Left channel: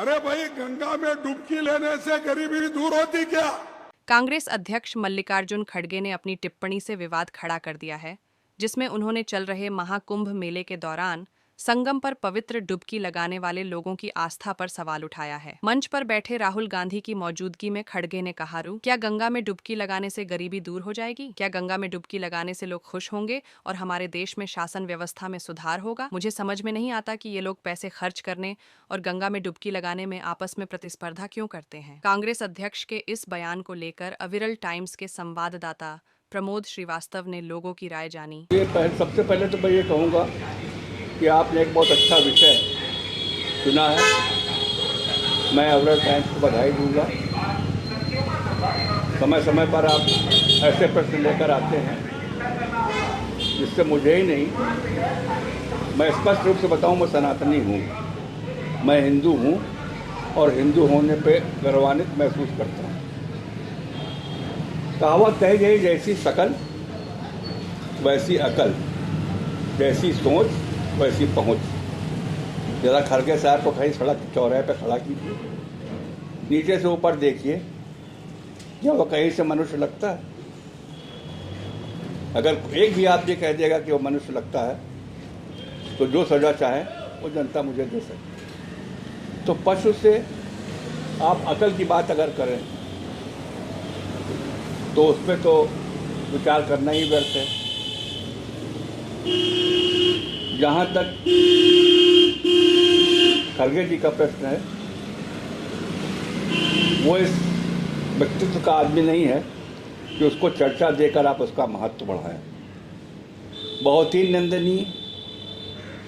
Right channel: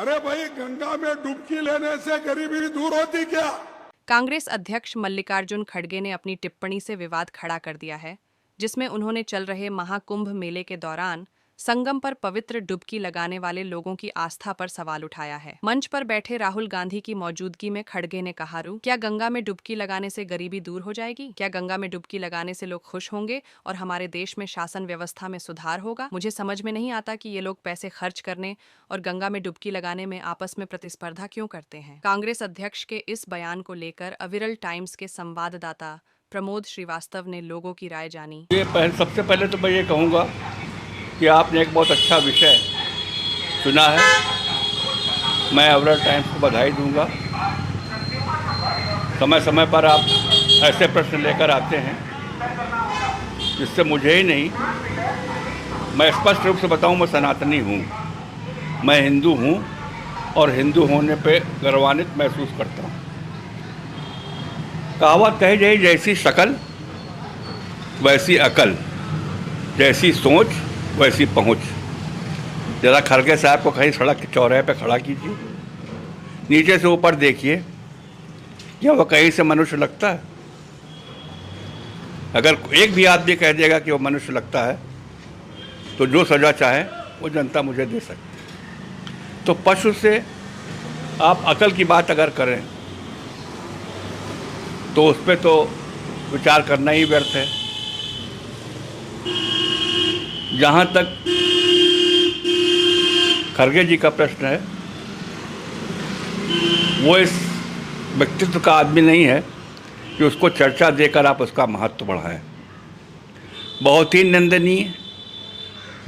अरे भाई, गंगा में डुबकी लेने से गरीबी दूर होती क्या? कांग्रेस अध्यक्ष मल्लिकार्जुन खड़गे ने अपनी टिप्पणी से विवाद खड़ा कर दिया है, जिसमें उन्होंने चल रहे महाकुंभ मेले के दौरान संगम पर पवित्र डुबकी लगाने वाले लोगों की आस्था पर सवाल उठाया है। मंच पर बैठे राहुल गांधी की मौजूदगी में खड़गे ने कहा, क्या गंगा में डुबकी लगाने से गरीबी दूर हो जाएगी? क्या गंगा में डुबकी लगाने से लोग खुश होंगे और हमारे देश में शासन व्यवस्था में सुधार होगा? मुझे समझ में नहीं आता कि ये लोग पैसे खर्च करने और गंगा में डुबकी लगाने में आपस में प्रतिस्पर्धा क्यों करते हैं। कांग्रेस अध्यक्ष के इस बयान को लेकर अविरल टाइम्स के संवाददाता प्रमोद श्रीवास्तव ने लोगों की राय जानी। सबसे पहले तो मैं ये कहूँगा कि आपने एक बहुत अच्छा विषय चुना है। मैं अविरल टाइम्स को बधाई दूंगा। समय समय पर आप ऐसे प्रश्न लेकर आते हैं जिससे मुझे ही नहीं, मैं स्पष्ट रूप से बताऊं, मैं सनातनी हूँ, मैं हिंदू हूँ और हिंदू होने पे गर्वान्वित महसूस करता हूँ। कहावत कही जाए, जैसी शकल वैसी अकल, जैसी सोच वैसी पहुंच। जरा खड़गे साहब को कहीं सड़क के चौराहे पे खड़ा कीजिए, नीचे से ऊपर देखिए, क्या वो कहीं से मनुष्य लगता है? अगर एक भी आदमी कह देगा कि वो मनुष्य लगता है तो जो सजा चाहे वो जनता मुझे दे सकती है। तो पशु से आप अकल की बात अगर करें तो उस पर तो विचार करना ही व्यर्थ है। जहाँ तक खड़गे जी का प्रश्न है, वो इस व्यक्तित्व का आदमी नहीं है कि उसको चर्चा देकर आप उसका महत्व बढ़ाएं। बहुत ही निंदनीय,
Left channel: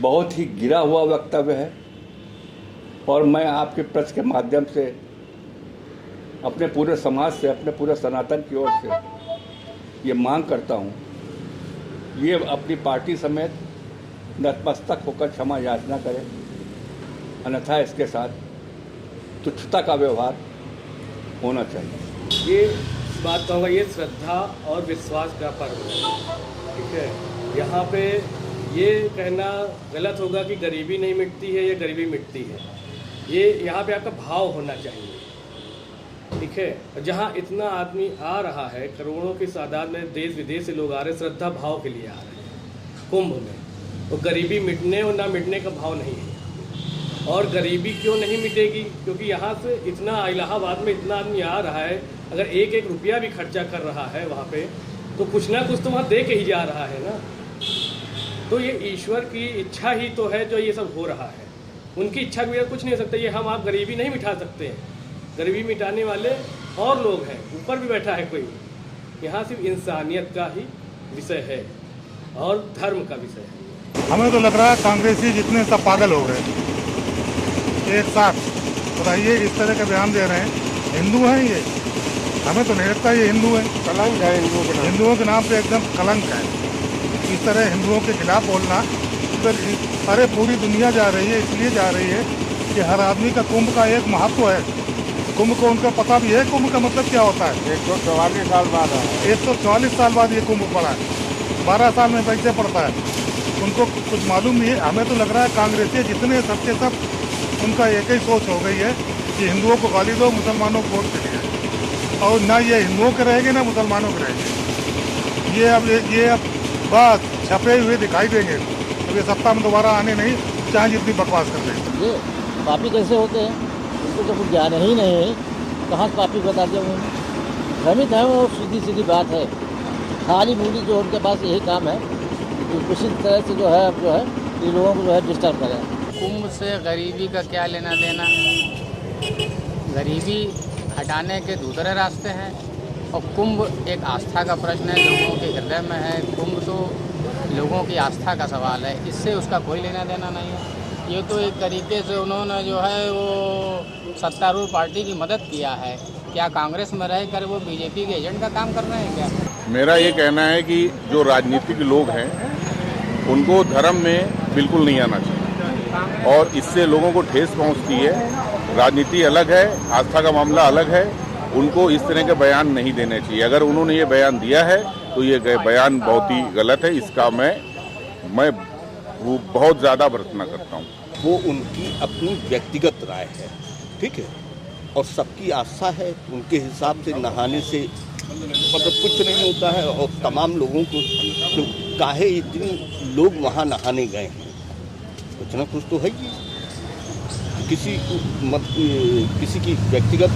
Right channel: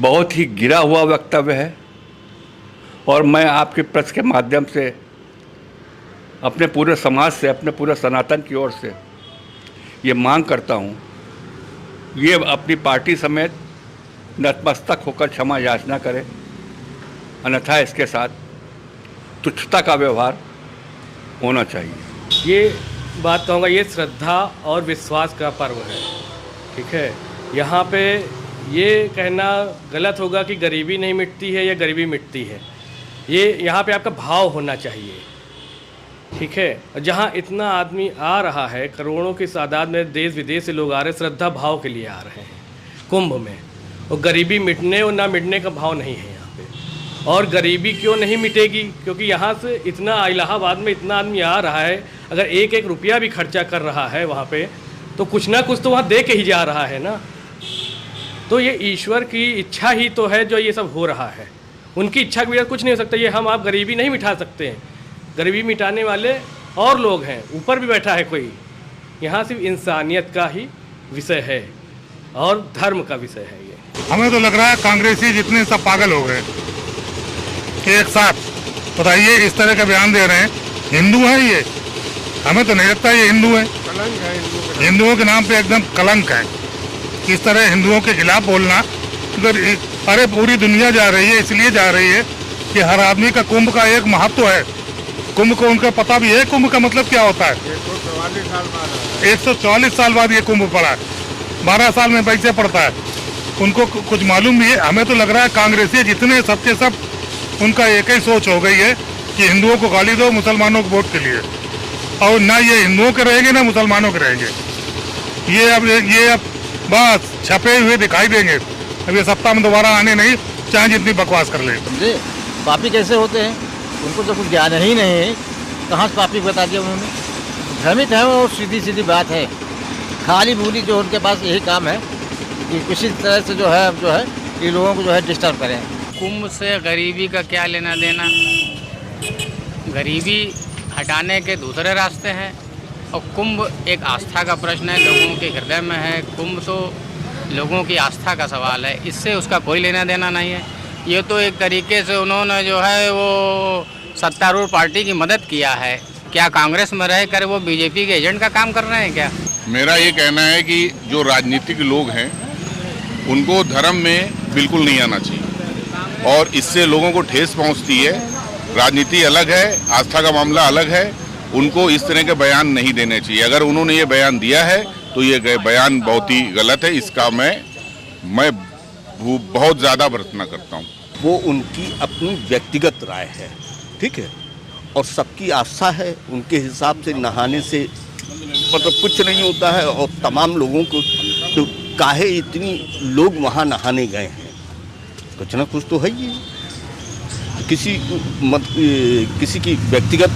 बहुत ही गिरा हुआ वक्तव्य है और मैं आपके प्रेस के माध्यम से अपने पूरे समाज से, अपने पूरे सनातन की ओर से ये मांग करता हूँ, ये अपनी पार्टी समेत नतमस्तक होकर क्षमा याचना करें, अन्यथा इसके साथ तुच्छता का व्यवहार होना चाहिए। ये बात कहूँगा, ये श्रद्धा और विश्वास का पर्व है, ठीक है। यहाँ पे ये कहना गलत होगा कि गरीबी नहीं मिटती है या गरीबी मिटती है। ये यहाँ पे आपका भाव होना चाहिए, ठीक है। जहाँ इतना आदमी आ रहा है, करोड़ों की तादाद में देश विदेश से लोग आ रहे हैं, श्रद्धा भाव के लिए आ रहे हैं कुंभ में, और गरीबी मिटने और ना मिटने का भाव नहीं है यहाँ पे। और गरीबी क्यों नहीं मिटेगी? क्योंकि यहाँ से इतना, इलाहाबाद में इतना आदमी आ रहा है, अगर एक एक रुपया भी खर्चा कर रहा है वहाँ पे, तो कुछ ना कुछ तो वहाँ दे के ही जा रहा है ना। तो ये ईश्वर की इच्छा ही तो है जो ये सब हो रहा है। उनकी इच्छा के बगैर कुछ नहीं हो सकता। ये हम आप गरीबी नहीं मिटा सकते हैं। गरीबी मिटाने वाले और लोग हैं, ऊपर भी बैठा है कोई। यहाँ सिर्फ इंसानियत का ही विषय है और धर्म का विषय है। हमें तो लग रहा है कांग्रेसी जितने सब पागल हो गए कि एक साथ बताइए इस तरह का बयान दे रहे हैं। हिंदू है ये? हमें तो नहीं लगता ये हिंदू है। हिंदुओं के नाम पे एकदम कलंक है। इस तरह हिंदुओं के खिलाफ बोलना, अरे पूरी दुनिया जा रही है, इसलिए जा रही है कि हर आदमी का कुंभ का एक महत्व है। कुंभ को उनका पता भी है कुंभ का मतलब क्या होता है। 144 साल बाद ये कुंभ पड़ा है, 12 साल में पैसे पड़ता है। उनको कुछ मालूम नहीं है। हमें तो लग रहा है कांग्रेसी जितने सबके सब उनका एक ही सोच हो गई है कि हिंदुओं को गाली दो मुसलमानों को वोट के लिए, और ना ये हिंदुओं के रहेंगे ना मुसलमानों के रहेंगे। ये अब बस छपे हुए दिखाई देंगे। अब ये सत्ता में दोबारा आने नहीं, चाहे जितनी बकवास कर ले। पापी कैसे होते हैं, उनको तो कुछ ज्ञान ही नहीं है। कहाँ से पापी बता दिया उन्होंने? भ्रमित है वो, सीधी सीधी बात है। खाली बोली जो उनके पास यही काम है कि किसी तरह से जो है ये लोगों को जो है डिस्टर्ब करें। कुंभ से गरीबी का क्या लेना देना? गरीबी हटाने के दूसरे रास्ते हैं और कुंभ एक आस्था का प्रश्न है, लोगों के हृदय में है। कुंभ तो लोगों की आस्था का सवाल है, इससे उसका कोई लेना देना नहीं है। ये तो एक तरीके से उन्होंने जो है वो सत्तारूढ़ पार्टी की मदद किया है। क्या कांग्रेस में रह कर वो बीजेपी के एजेंट का काम कर रहे हैं क्या? मेरा ये कहना है कि जो राजनीतिक लोग हैं उनको धर्म में बिल्कुल नहीं आना चाहिए और इससे लोगों को ठेस पहुंचती है। राजनीति अलग है, आस्था का मामला अलग है। उनको इस तरह के बयान नहीं देने चाहिए। अगर उन्होंने ये बयान दिया है तो ये बयान बहुत ही गलत है। इसका मैं वो बहुत ज़्यादा भर्त्सना करता हूँ। वो उनकी अपनी व्यक्तिगत राय है, ठीक है, और सबकी आस्था है, उनके हिसाब से नहाने से मतलब कुछ नहीं होता है। और तमाम लोगों को तो काहे इतनी लोग वहाँ नहाने गए हैं, कुछ ना कुछ तो है ही। किसी की व्यक्तिगत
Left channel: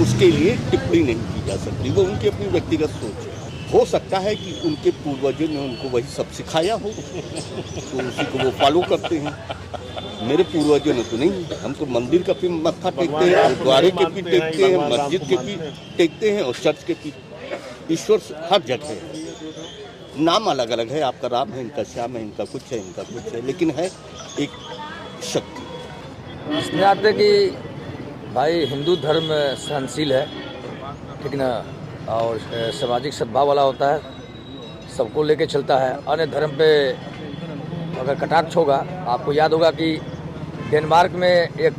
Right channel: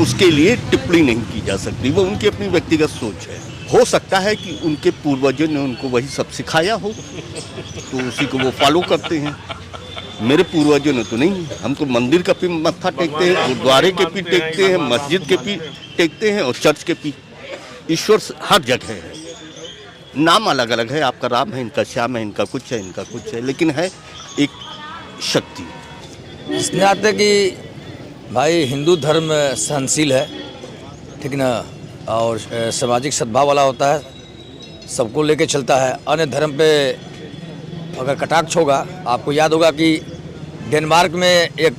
उसके लिए टिप्पणी नहीं की जा सकती, वो उनकी अपनी व्यक्तिगत सोच है। हो सकता है कि उनके पूर्वजों ने उनको वही सब सिखाया हो, तो उसी को वो फॉलो करते हैं। मेरे पूर्वजों ने तो नहीं, हम तो मंदिर का भी मत्था टेकते हैं, गुरुद्वारे के भी टेकते हैं, मस्जिद के भी टेकते हैं और चर्च के भी। ईश्वर हर जगह है, नाम अलग अलग है, आपका राम है, इनका श्याम है, इनका कुछ है, इनका कुछ है, लेकिन है एक शक्ति। इस नाते कि भाई हिंदू धर्म सहनशील है, ठीक ना, और सामाजिक सद्भाव वाला होता है, सबको लेके चलता है। अन्य धर्म पे अगर कटाक्ष होगा, आपको याद होगा कि डेनमार्क में एक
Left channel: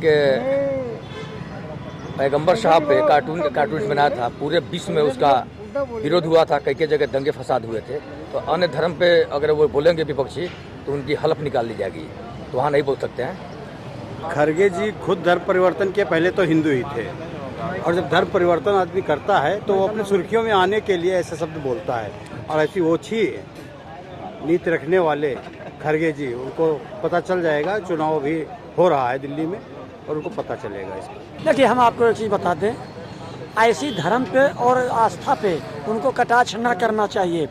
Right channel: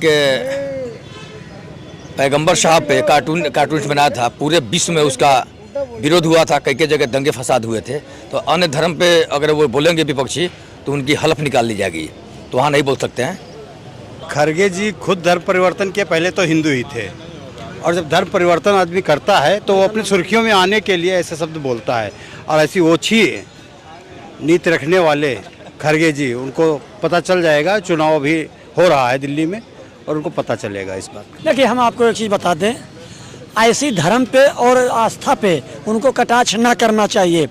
पैगंबर साहब पे कार्टून बनाया था, पूरे विश्व में उसका विरोध हुआ था, कई जगह दंगे फसाद हुए थे। तो अन्य धर्म पे अगर वो बोलेंगे विपक्षी तो उनकी हलफ निकाल ली जाएगी, तो वहाँ नहीं बोल सकते हैं। खड़गे जी खुद धर्म परिवर्तन के पहले तो हिंदू ही थे, और जब धर्म परिवर्तन आदमी करता है तो वो अपनी सुर्खियों में आने के लिए ऐसे शब्द बोलता है। और ऐसी ओछी नीति रखने वाले खड़गे जी, उनको पता चल जाएगा, चुनाव भी हो रहा है दिल्ली में और उनको पता चलेगा इस बात। देखिए, हम आपको एक चीज़ बता दें, ऐसी धर्म पे और आस्था पे उनको कटाक्ष न करना चाहिए।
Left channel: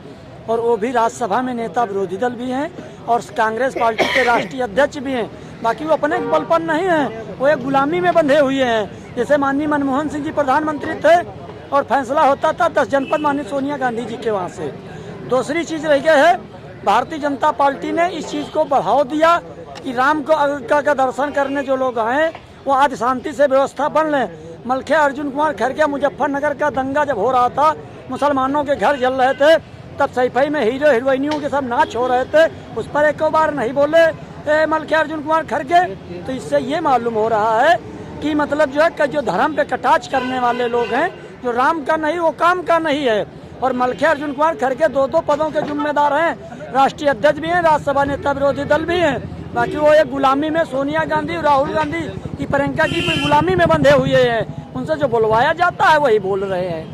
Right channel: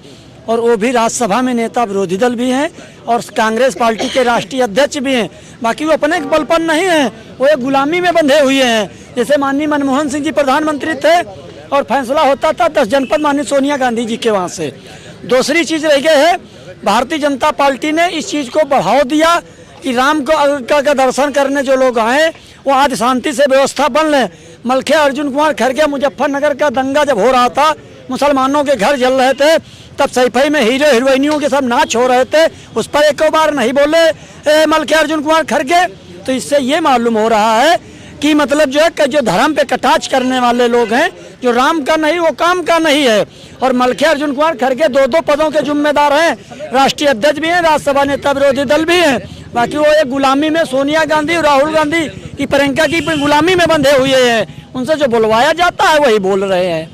और वो भी राज्यसभा में नेता विरोधी दल भी हैं और कांग्रेस पार्टी के राष्ट्रीय अध्यक्ष भी हैं। बाकी वो अपने बल पर नहीं हैं, वो एक गुलामी में बंधे हुए हैं। जैसे माननीय मनमोहन सिंह जी प्रधानमंत्री थे और फैसला होता था 10 जनपद माननीय सोनिया गांधी जी के वहाँ से। दूसरी चीज़ रह गई है, भारतीय जनता पार्टी ने इस चीज़ को बढ़ावा दिया कि राम का दर्शन करने जो लोग आए वो आज शांति से व्यवस्था बन लें। मलखिया अर्जुन कुमार खड़गे मुजफ्फरनगर का दंगा जब हो रहा था, मुसलमानों के घर जल रहे थे, तब सैफई में हीरो हीरोइनियों के सब नाच हो रहे थे, उस पर एक बार नहीं बोले मलखिया अर्जुन कुमार खड़गे। तो इससे ये मालूम हो रहा है कि मतलब जो है कि जो धर्म पे कटाक्ष करने वाले लोग हैं, जो राम का नहीं वो काम का नहीं है। और मलखिया अर्जुन कुमार खड़गे 2 पदों के जिम्मेदार हैं, राष्ट्रीय अध्यक्ष भी हैं, राज्यसभा नेता विरोधी दल भी हैं। बाकी वो एक गुलामी में सोनिया गांधी और राहुल गांधी की प्रियंका की गुलामी में बंधे हुए हैं, उनसे जो बुलवाया जाता है वही बोल रहे हैं।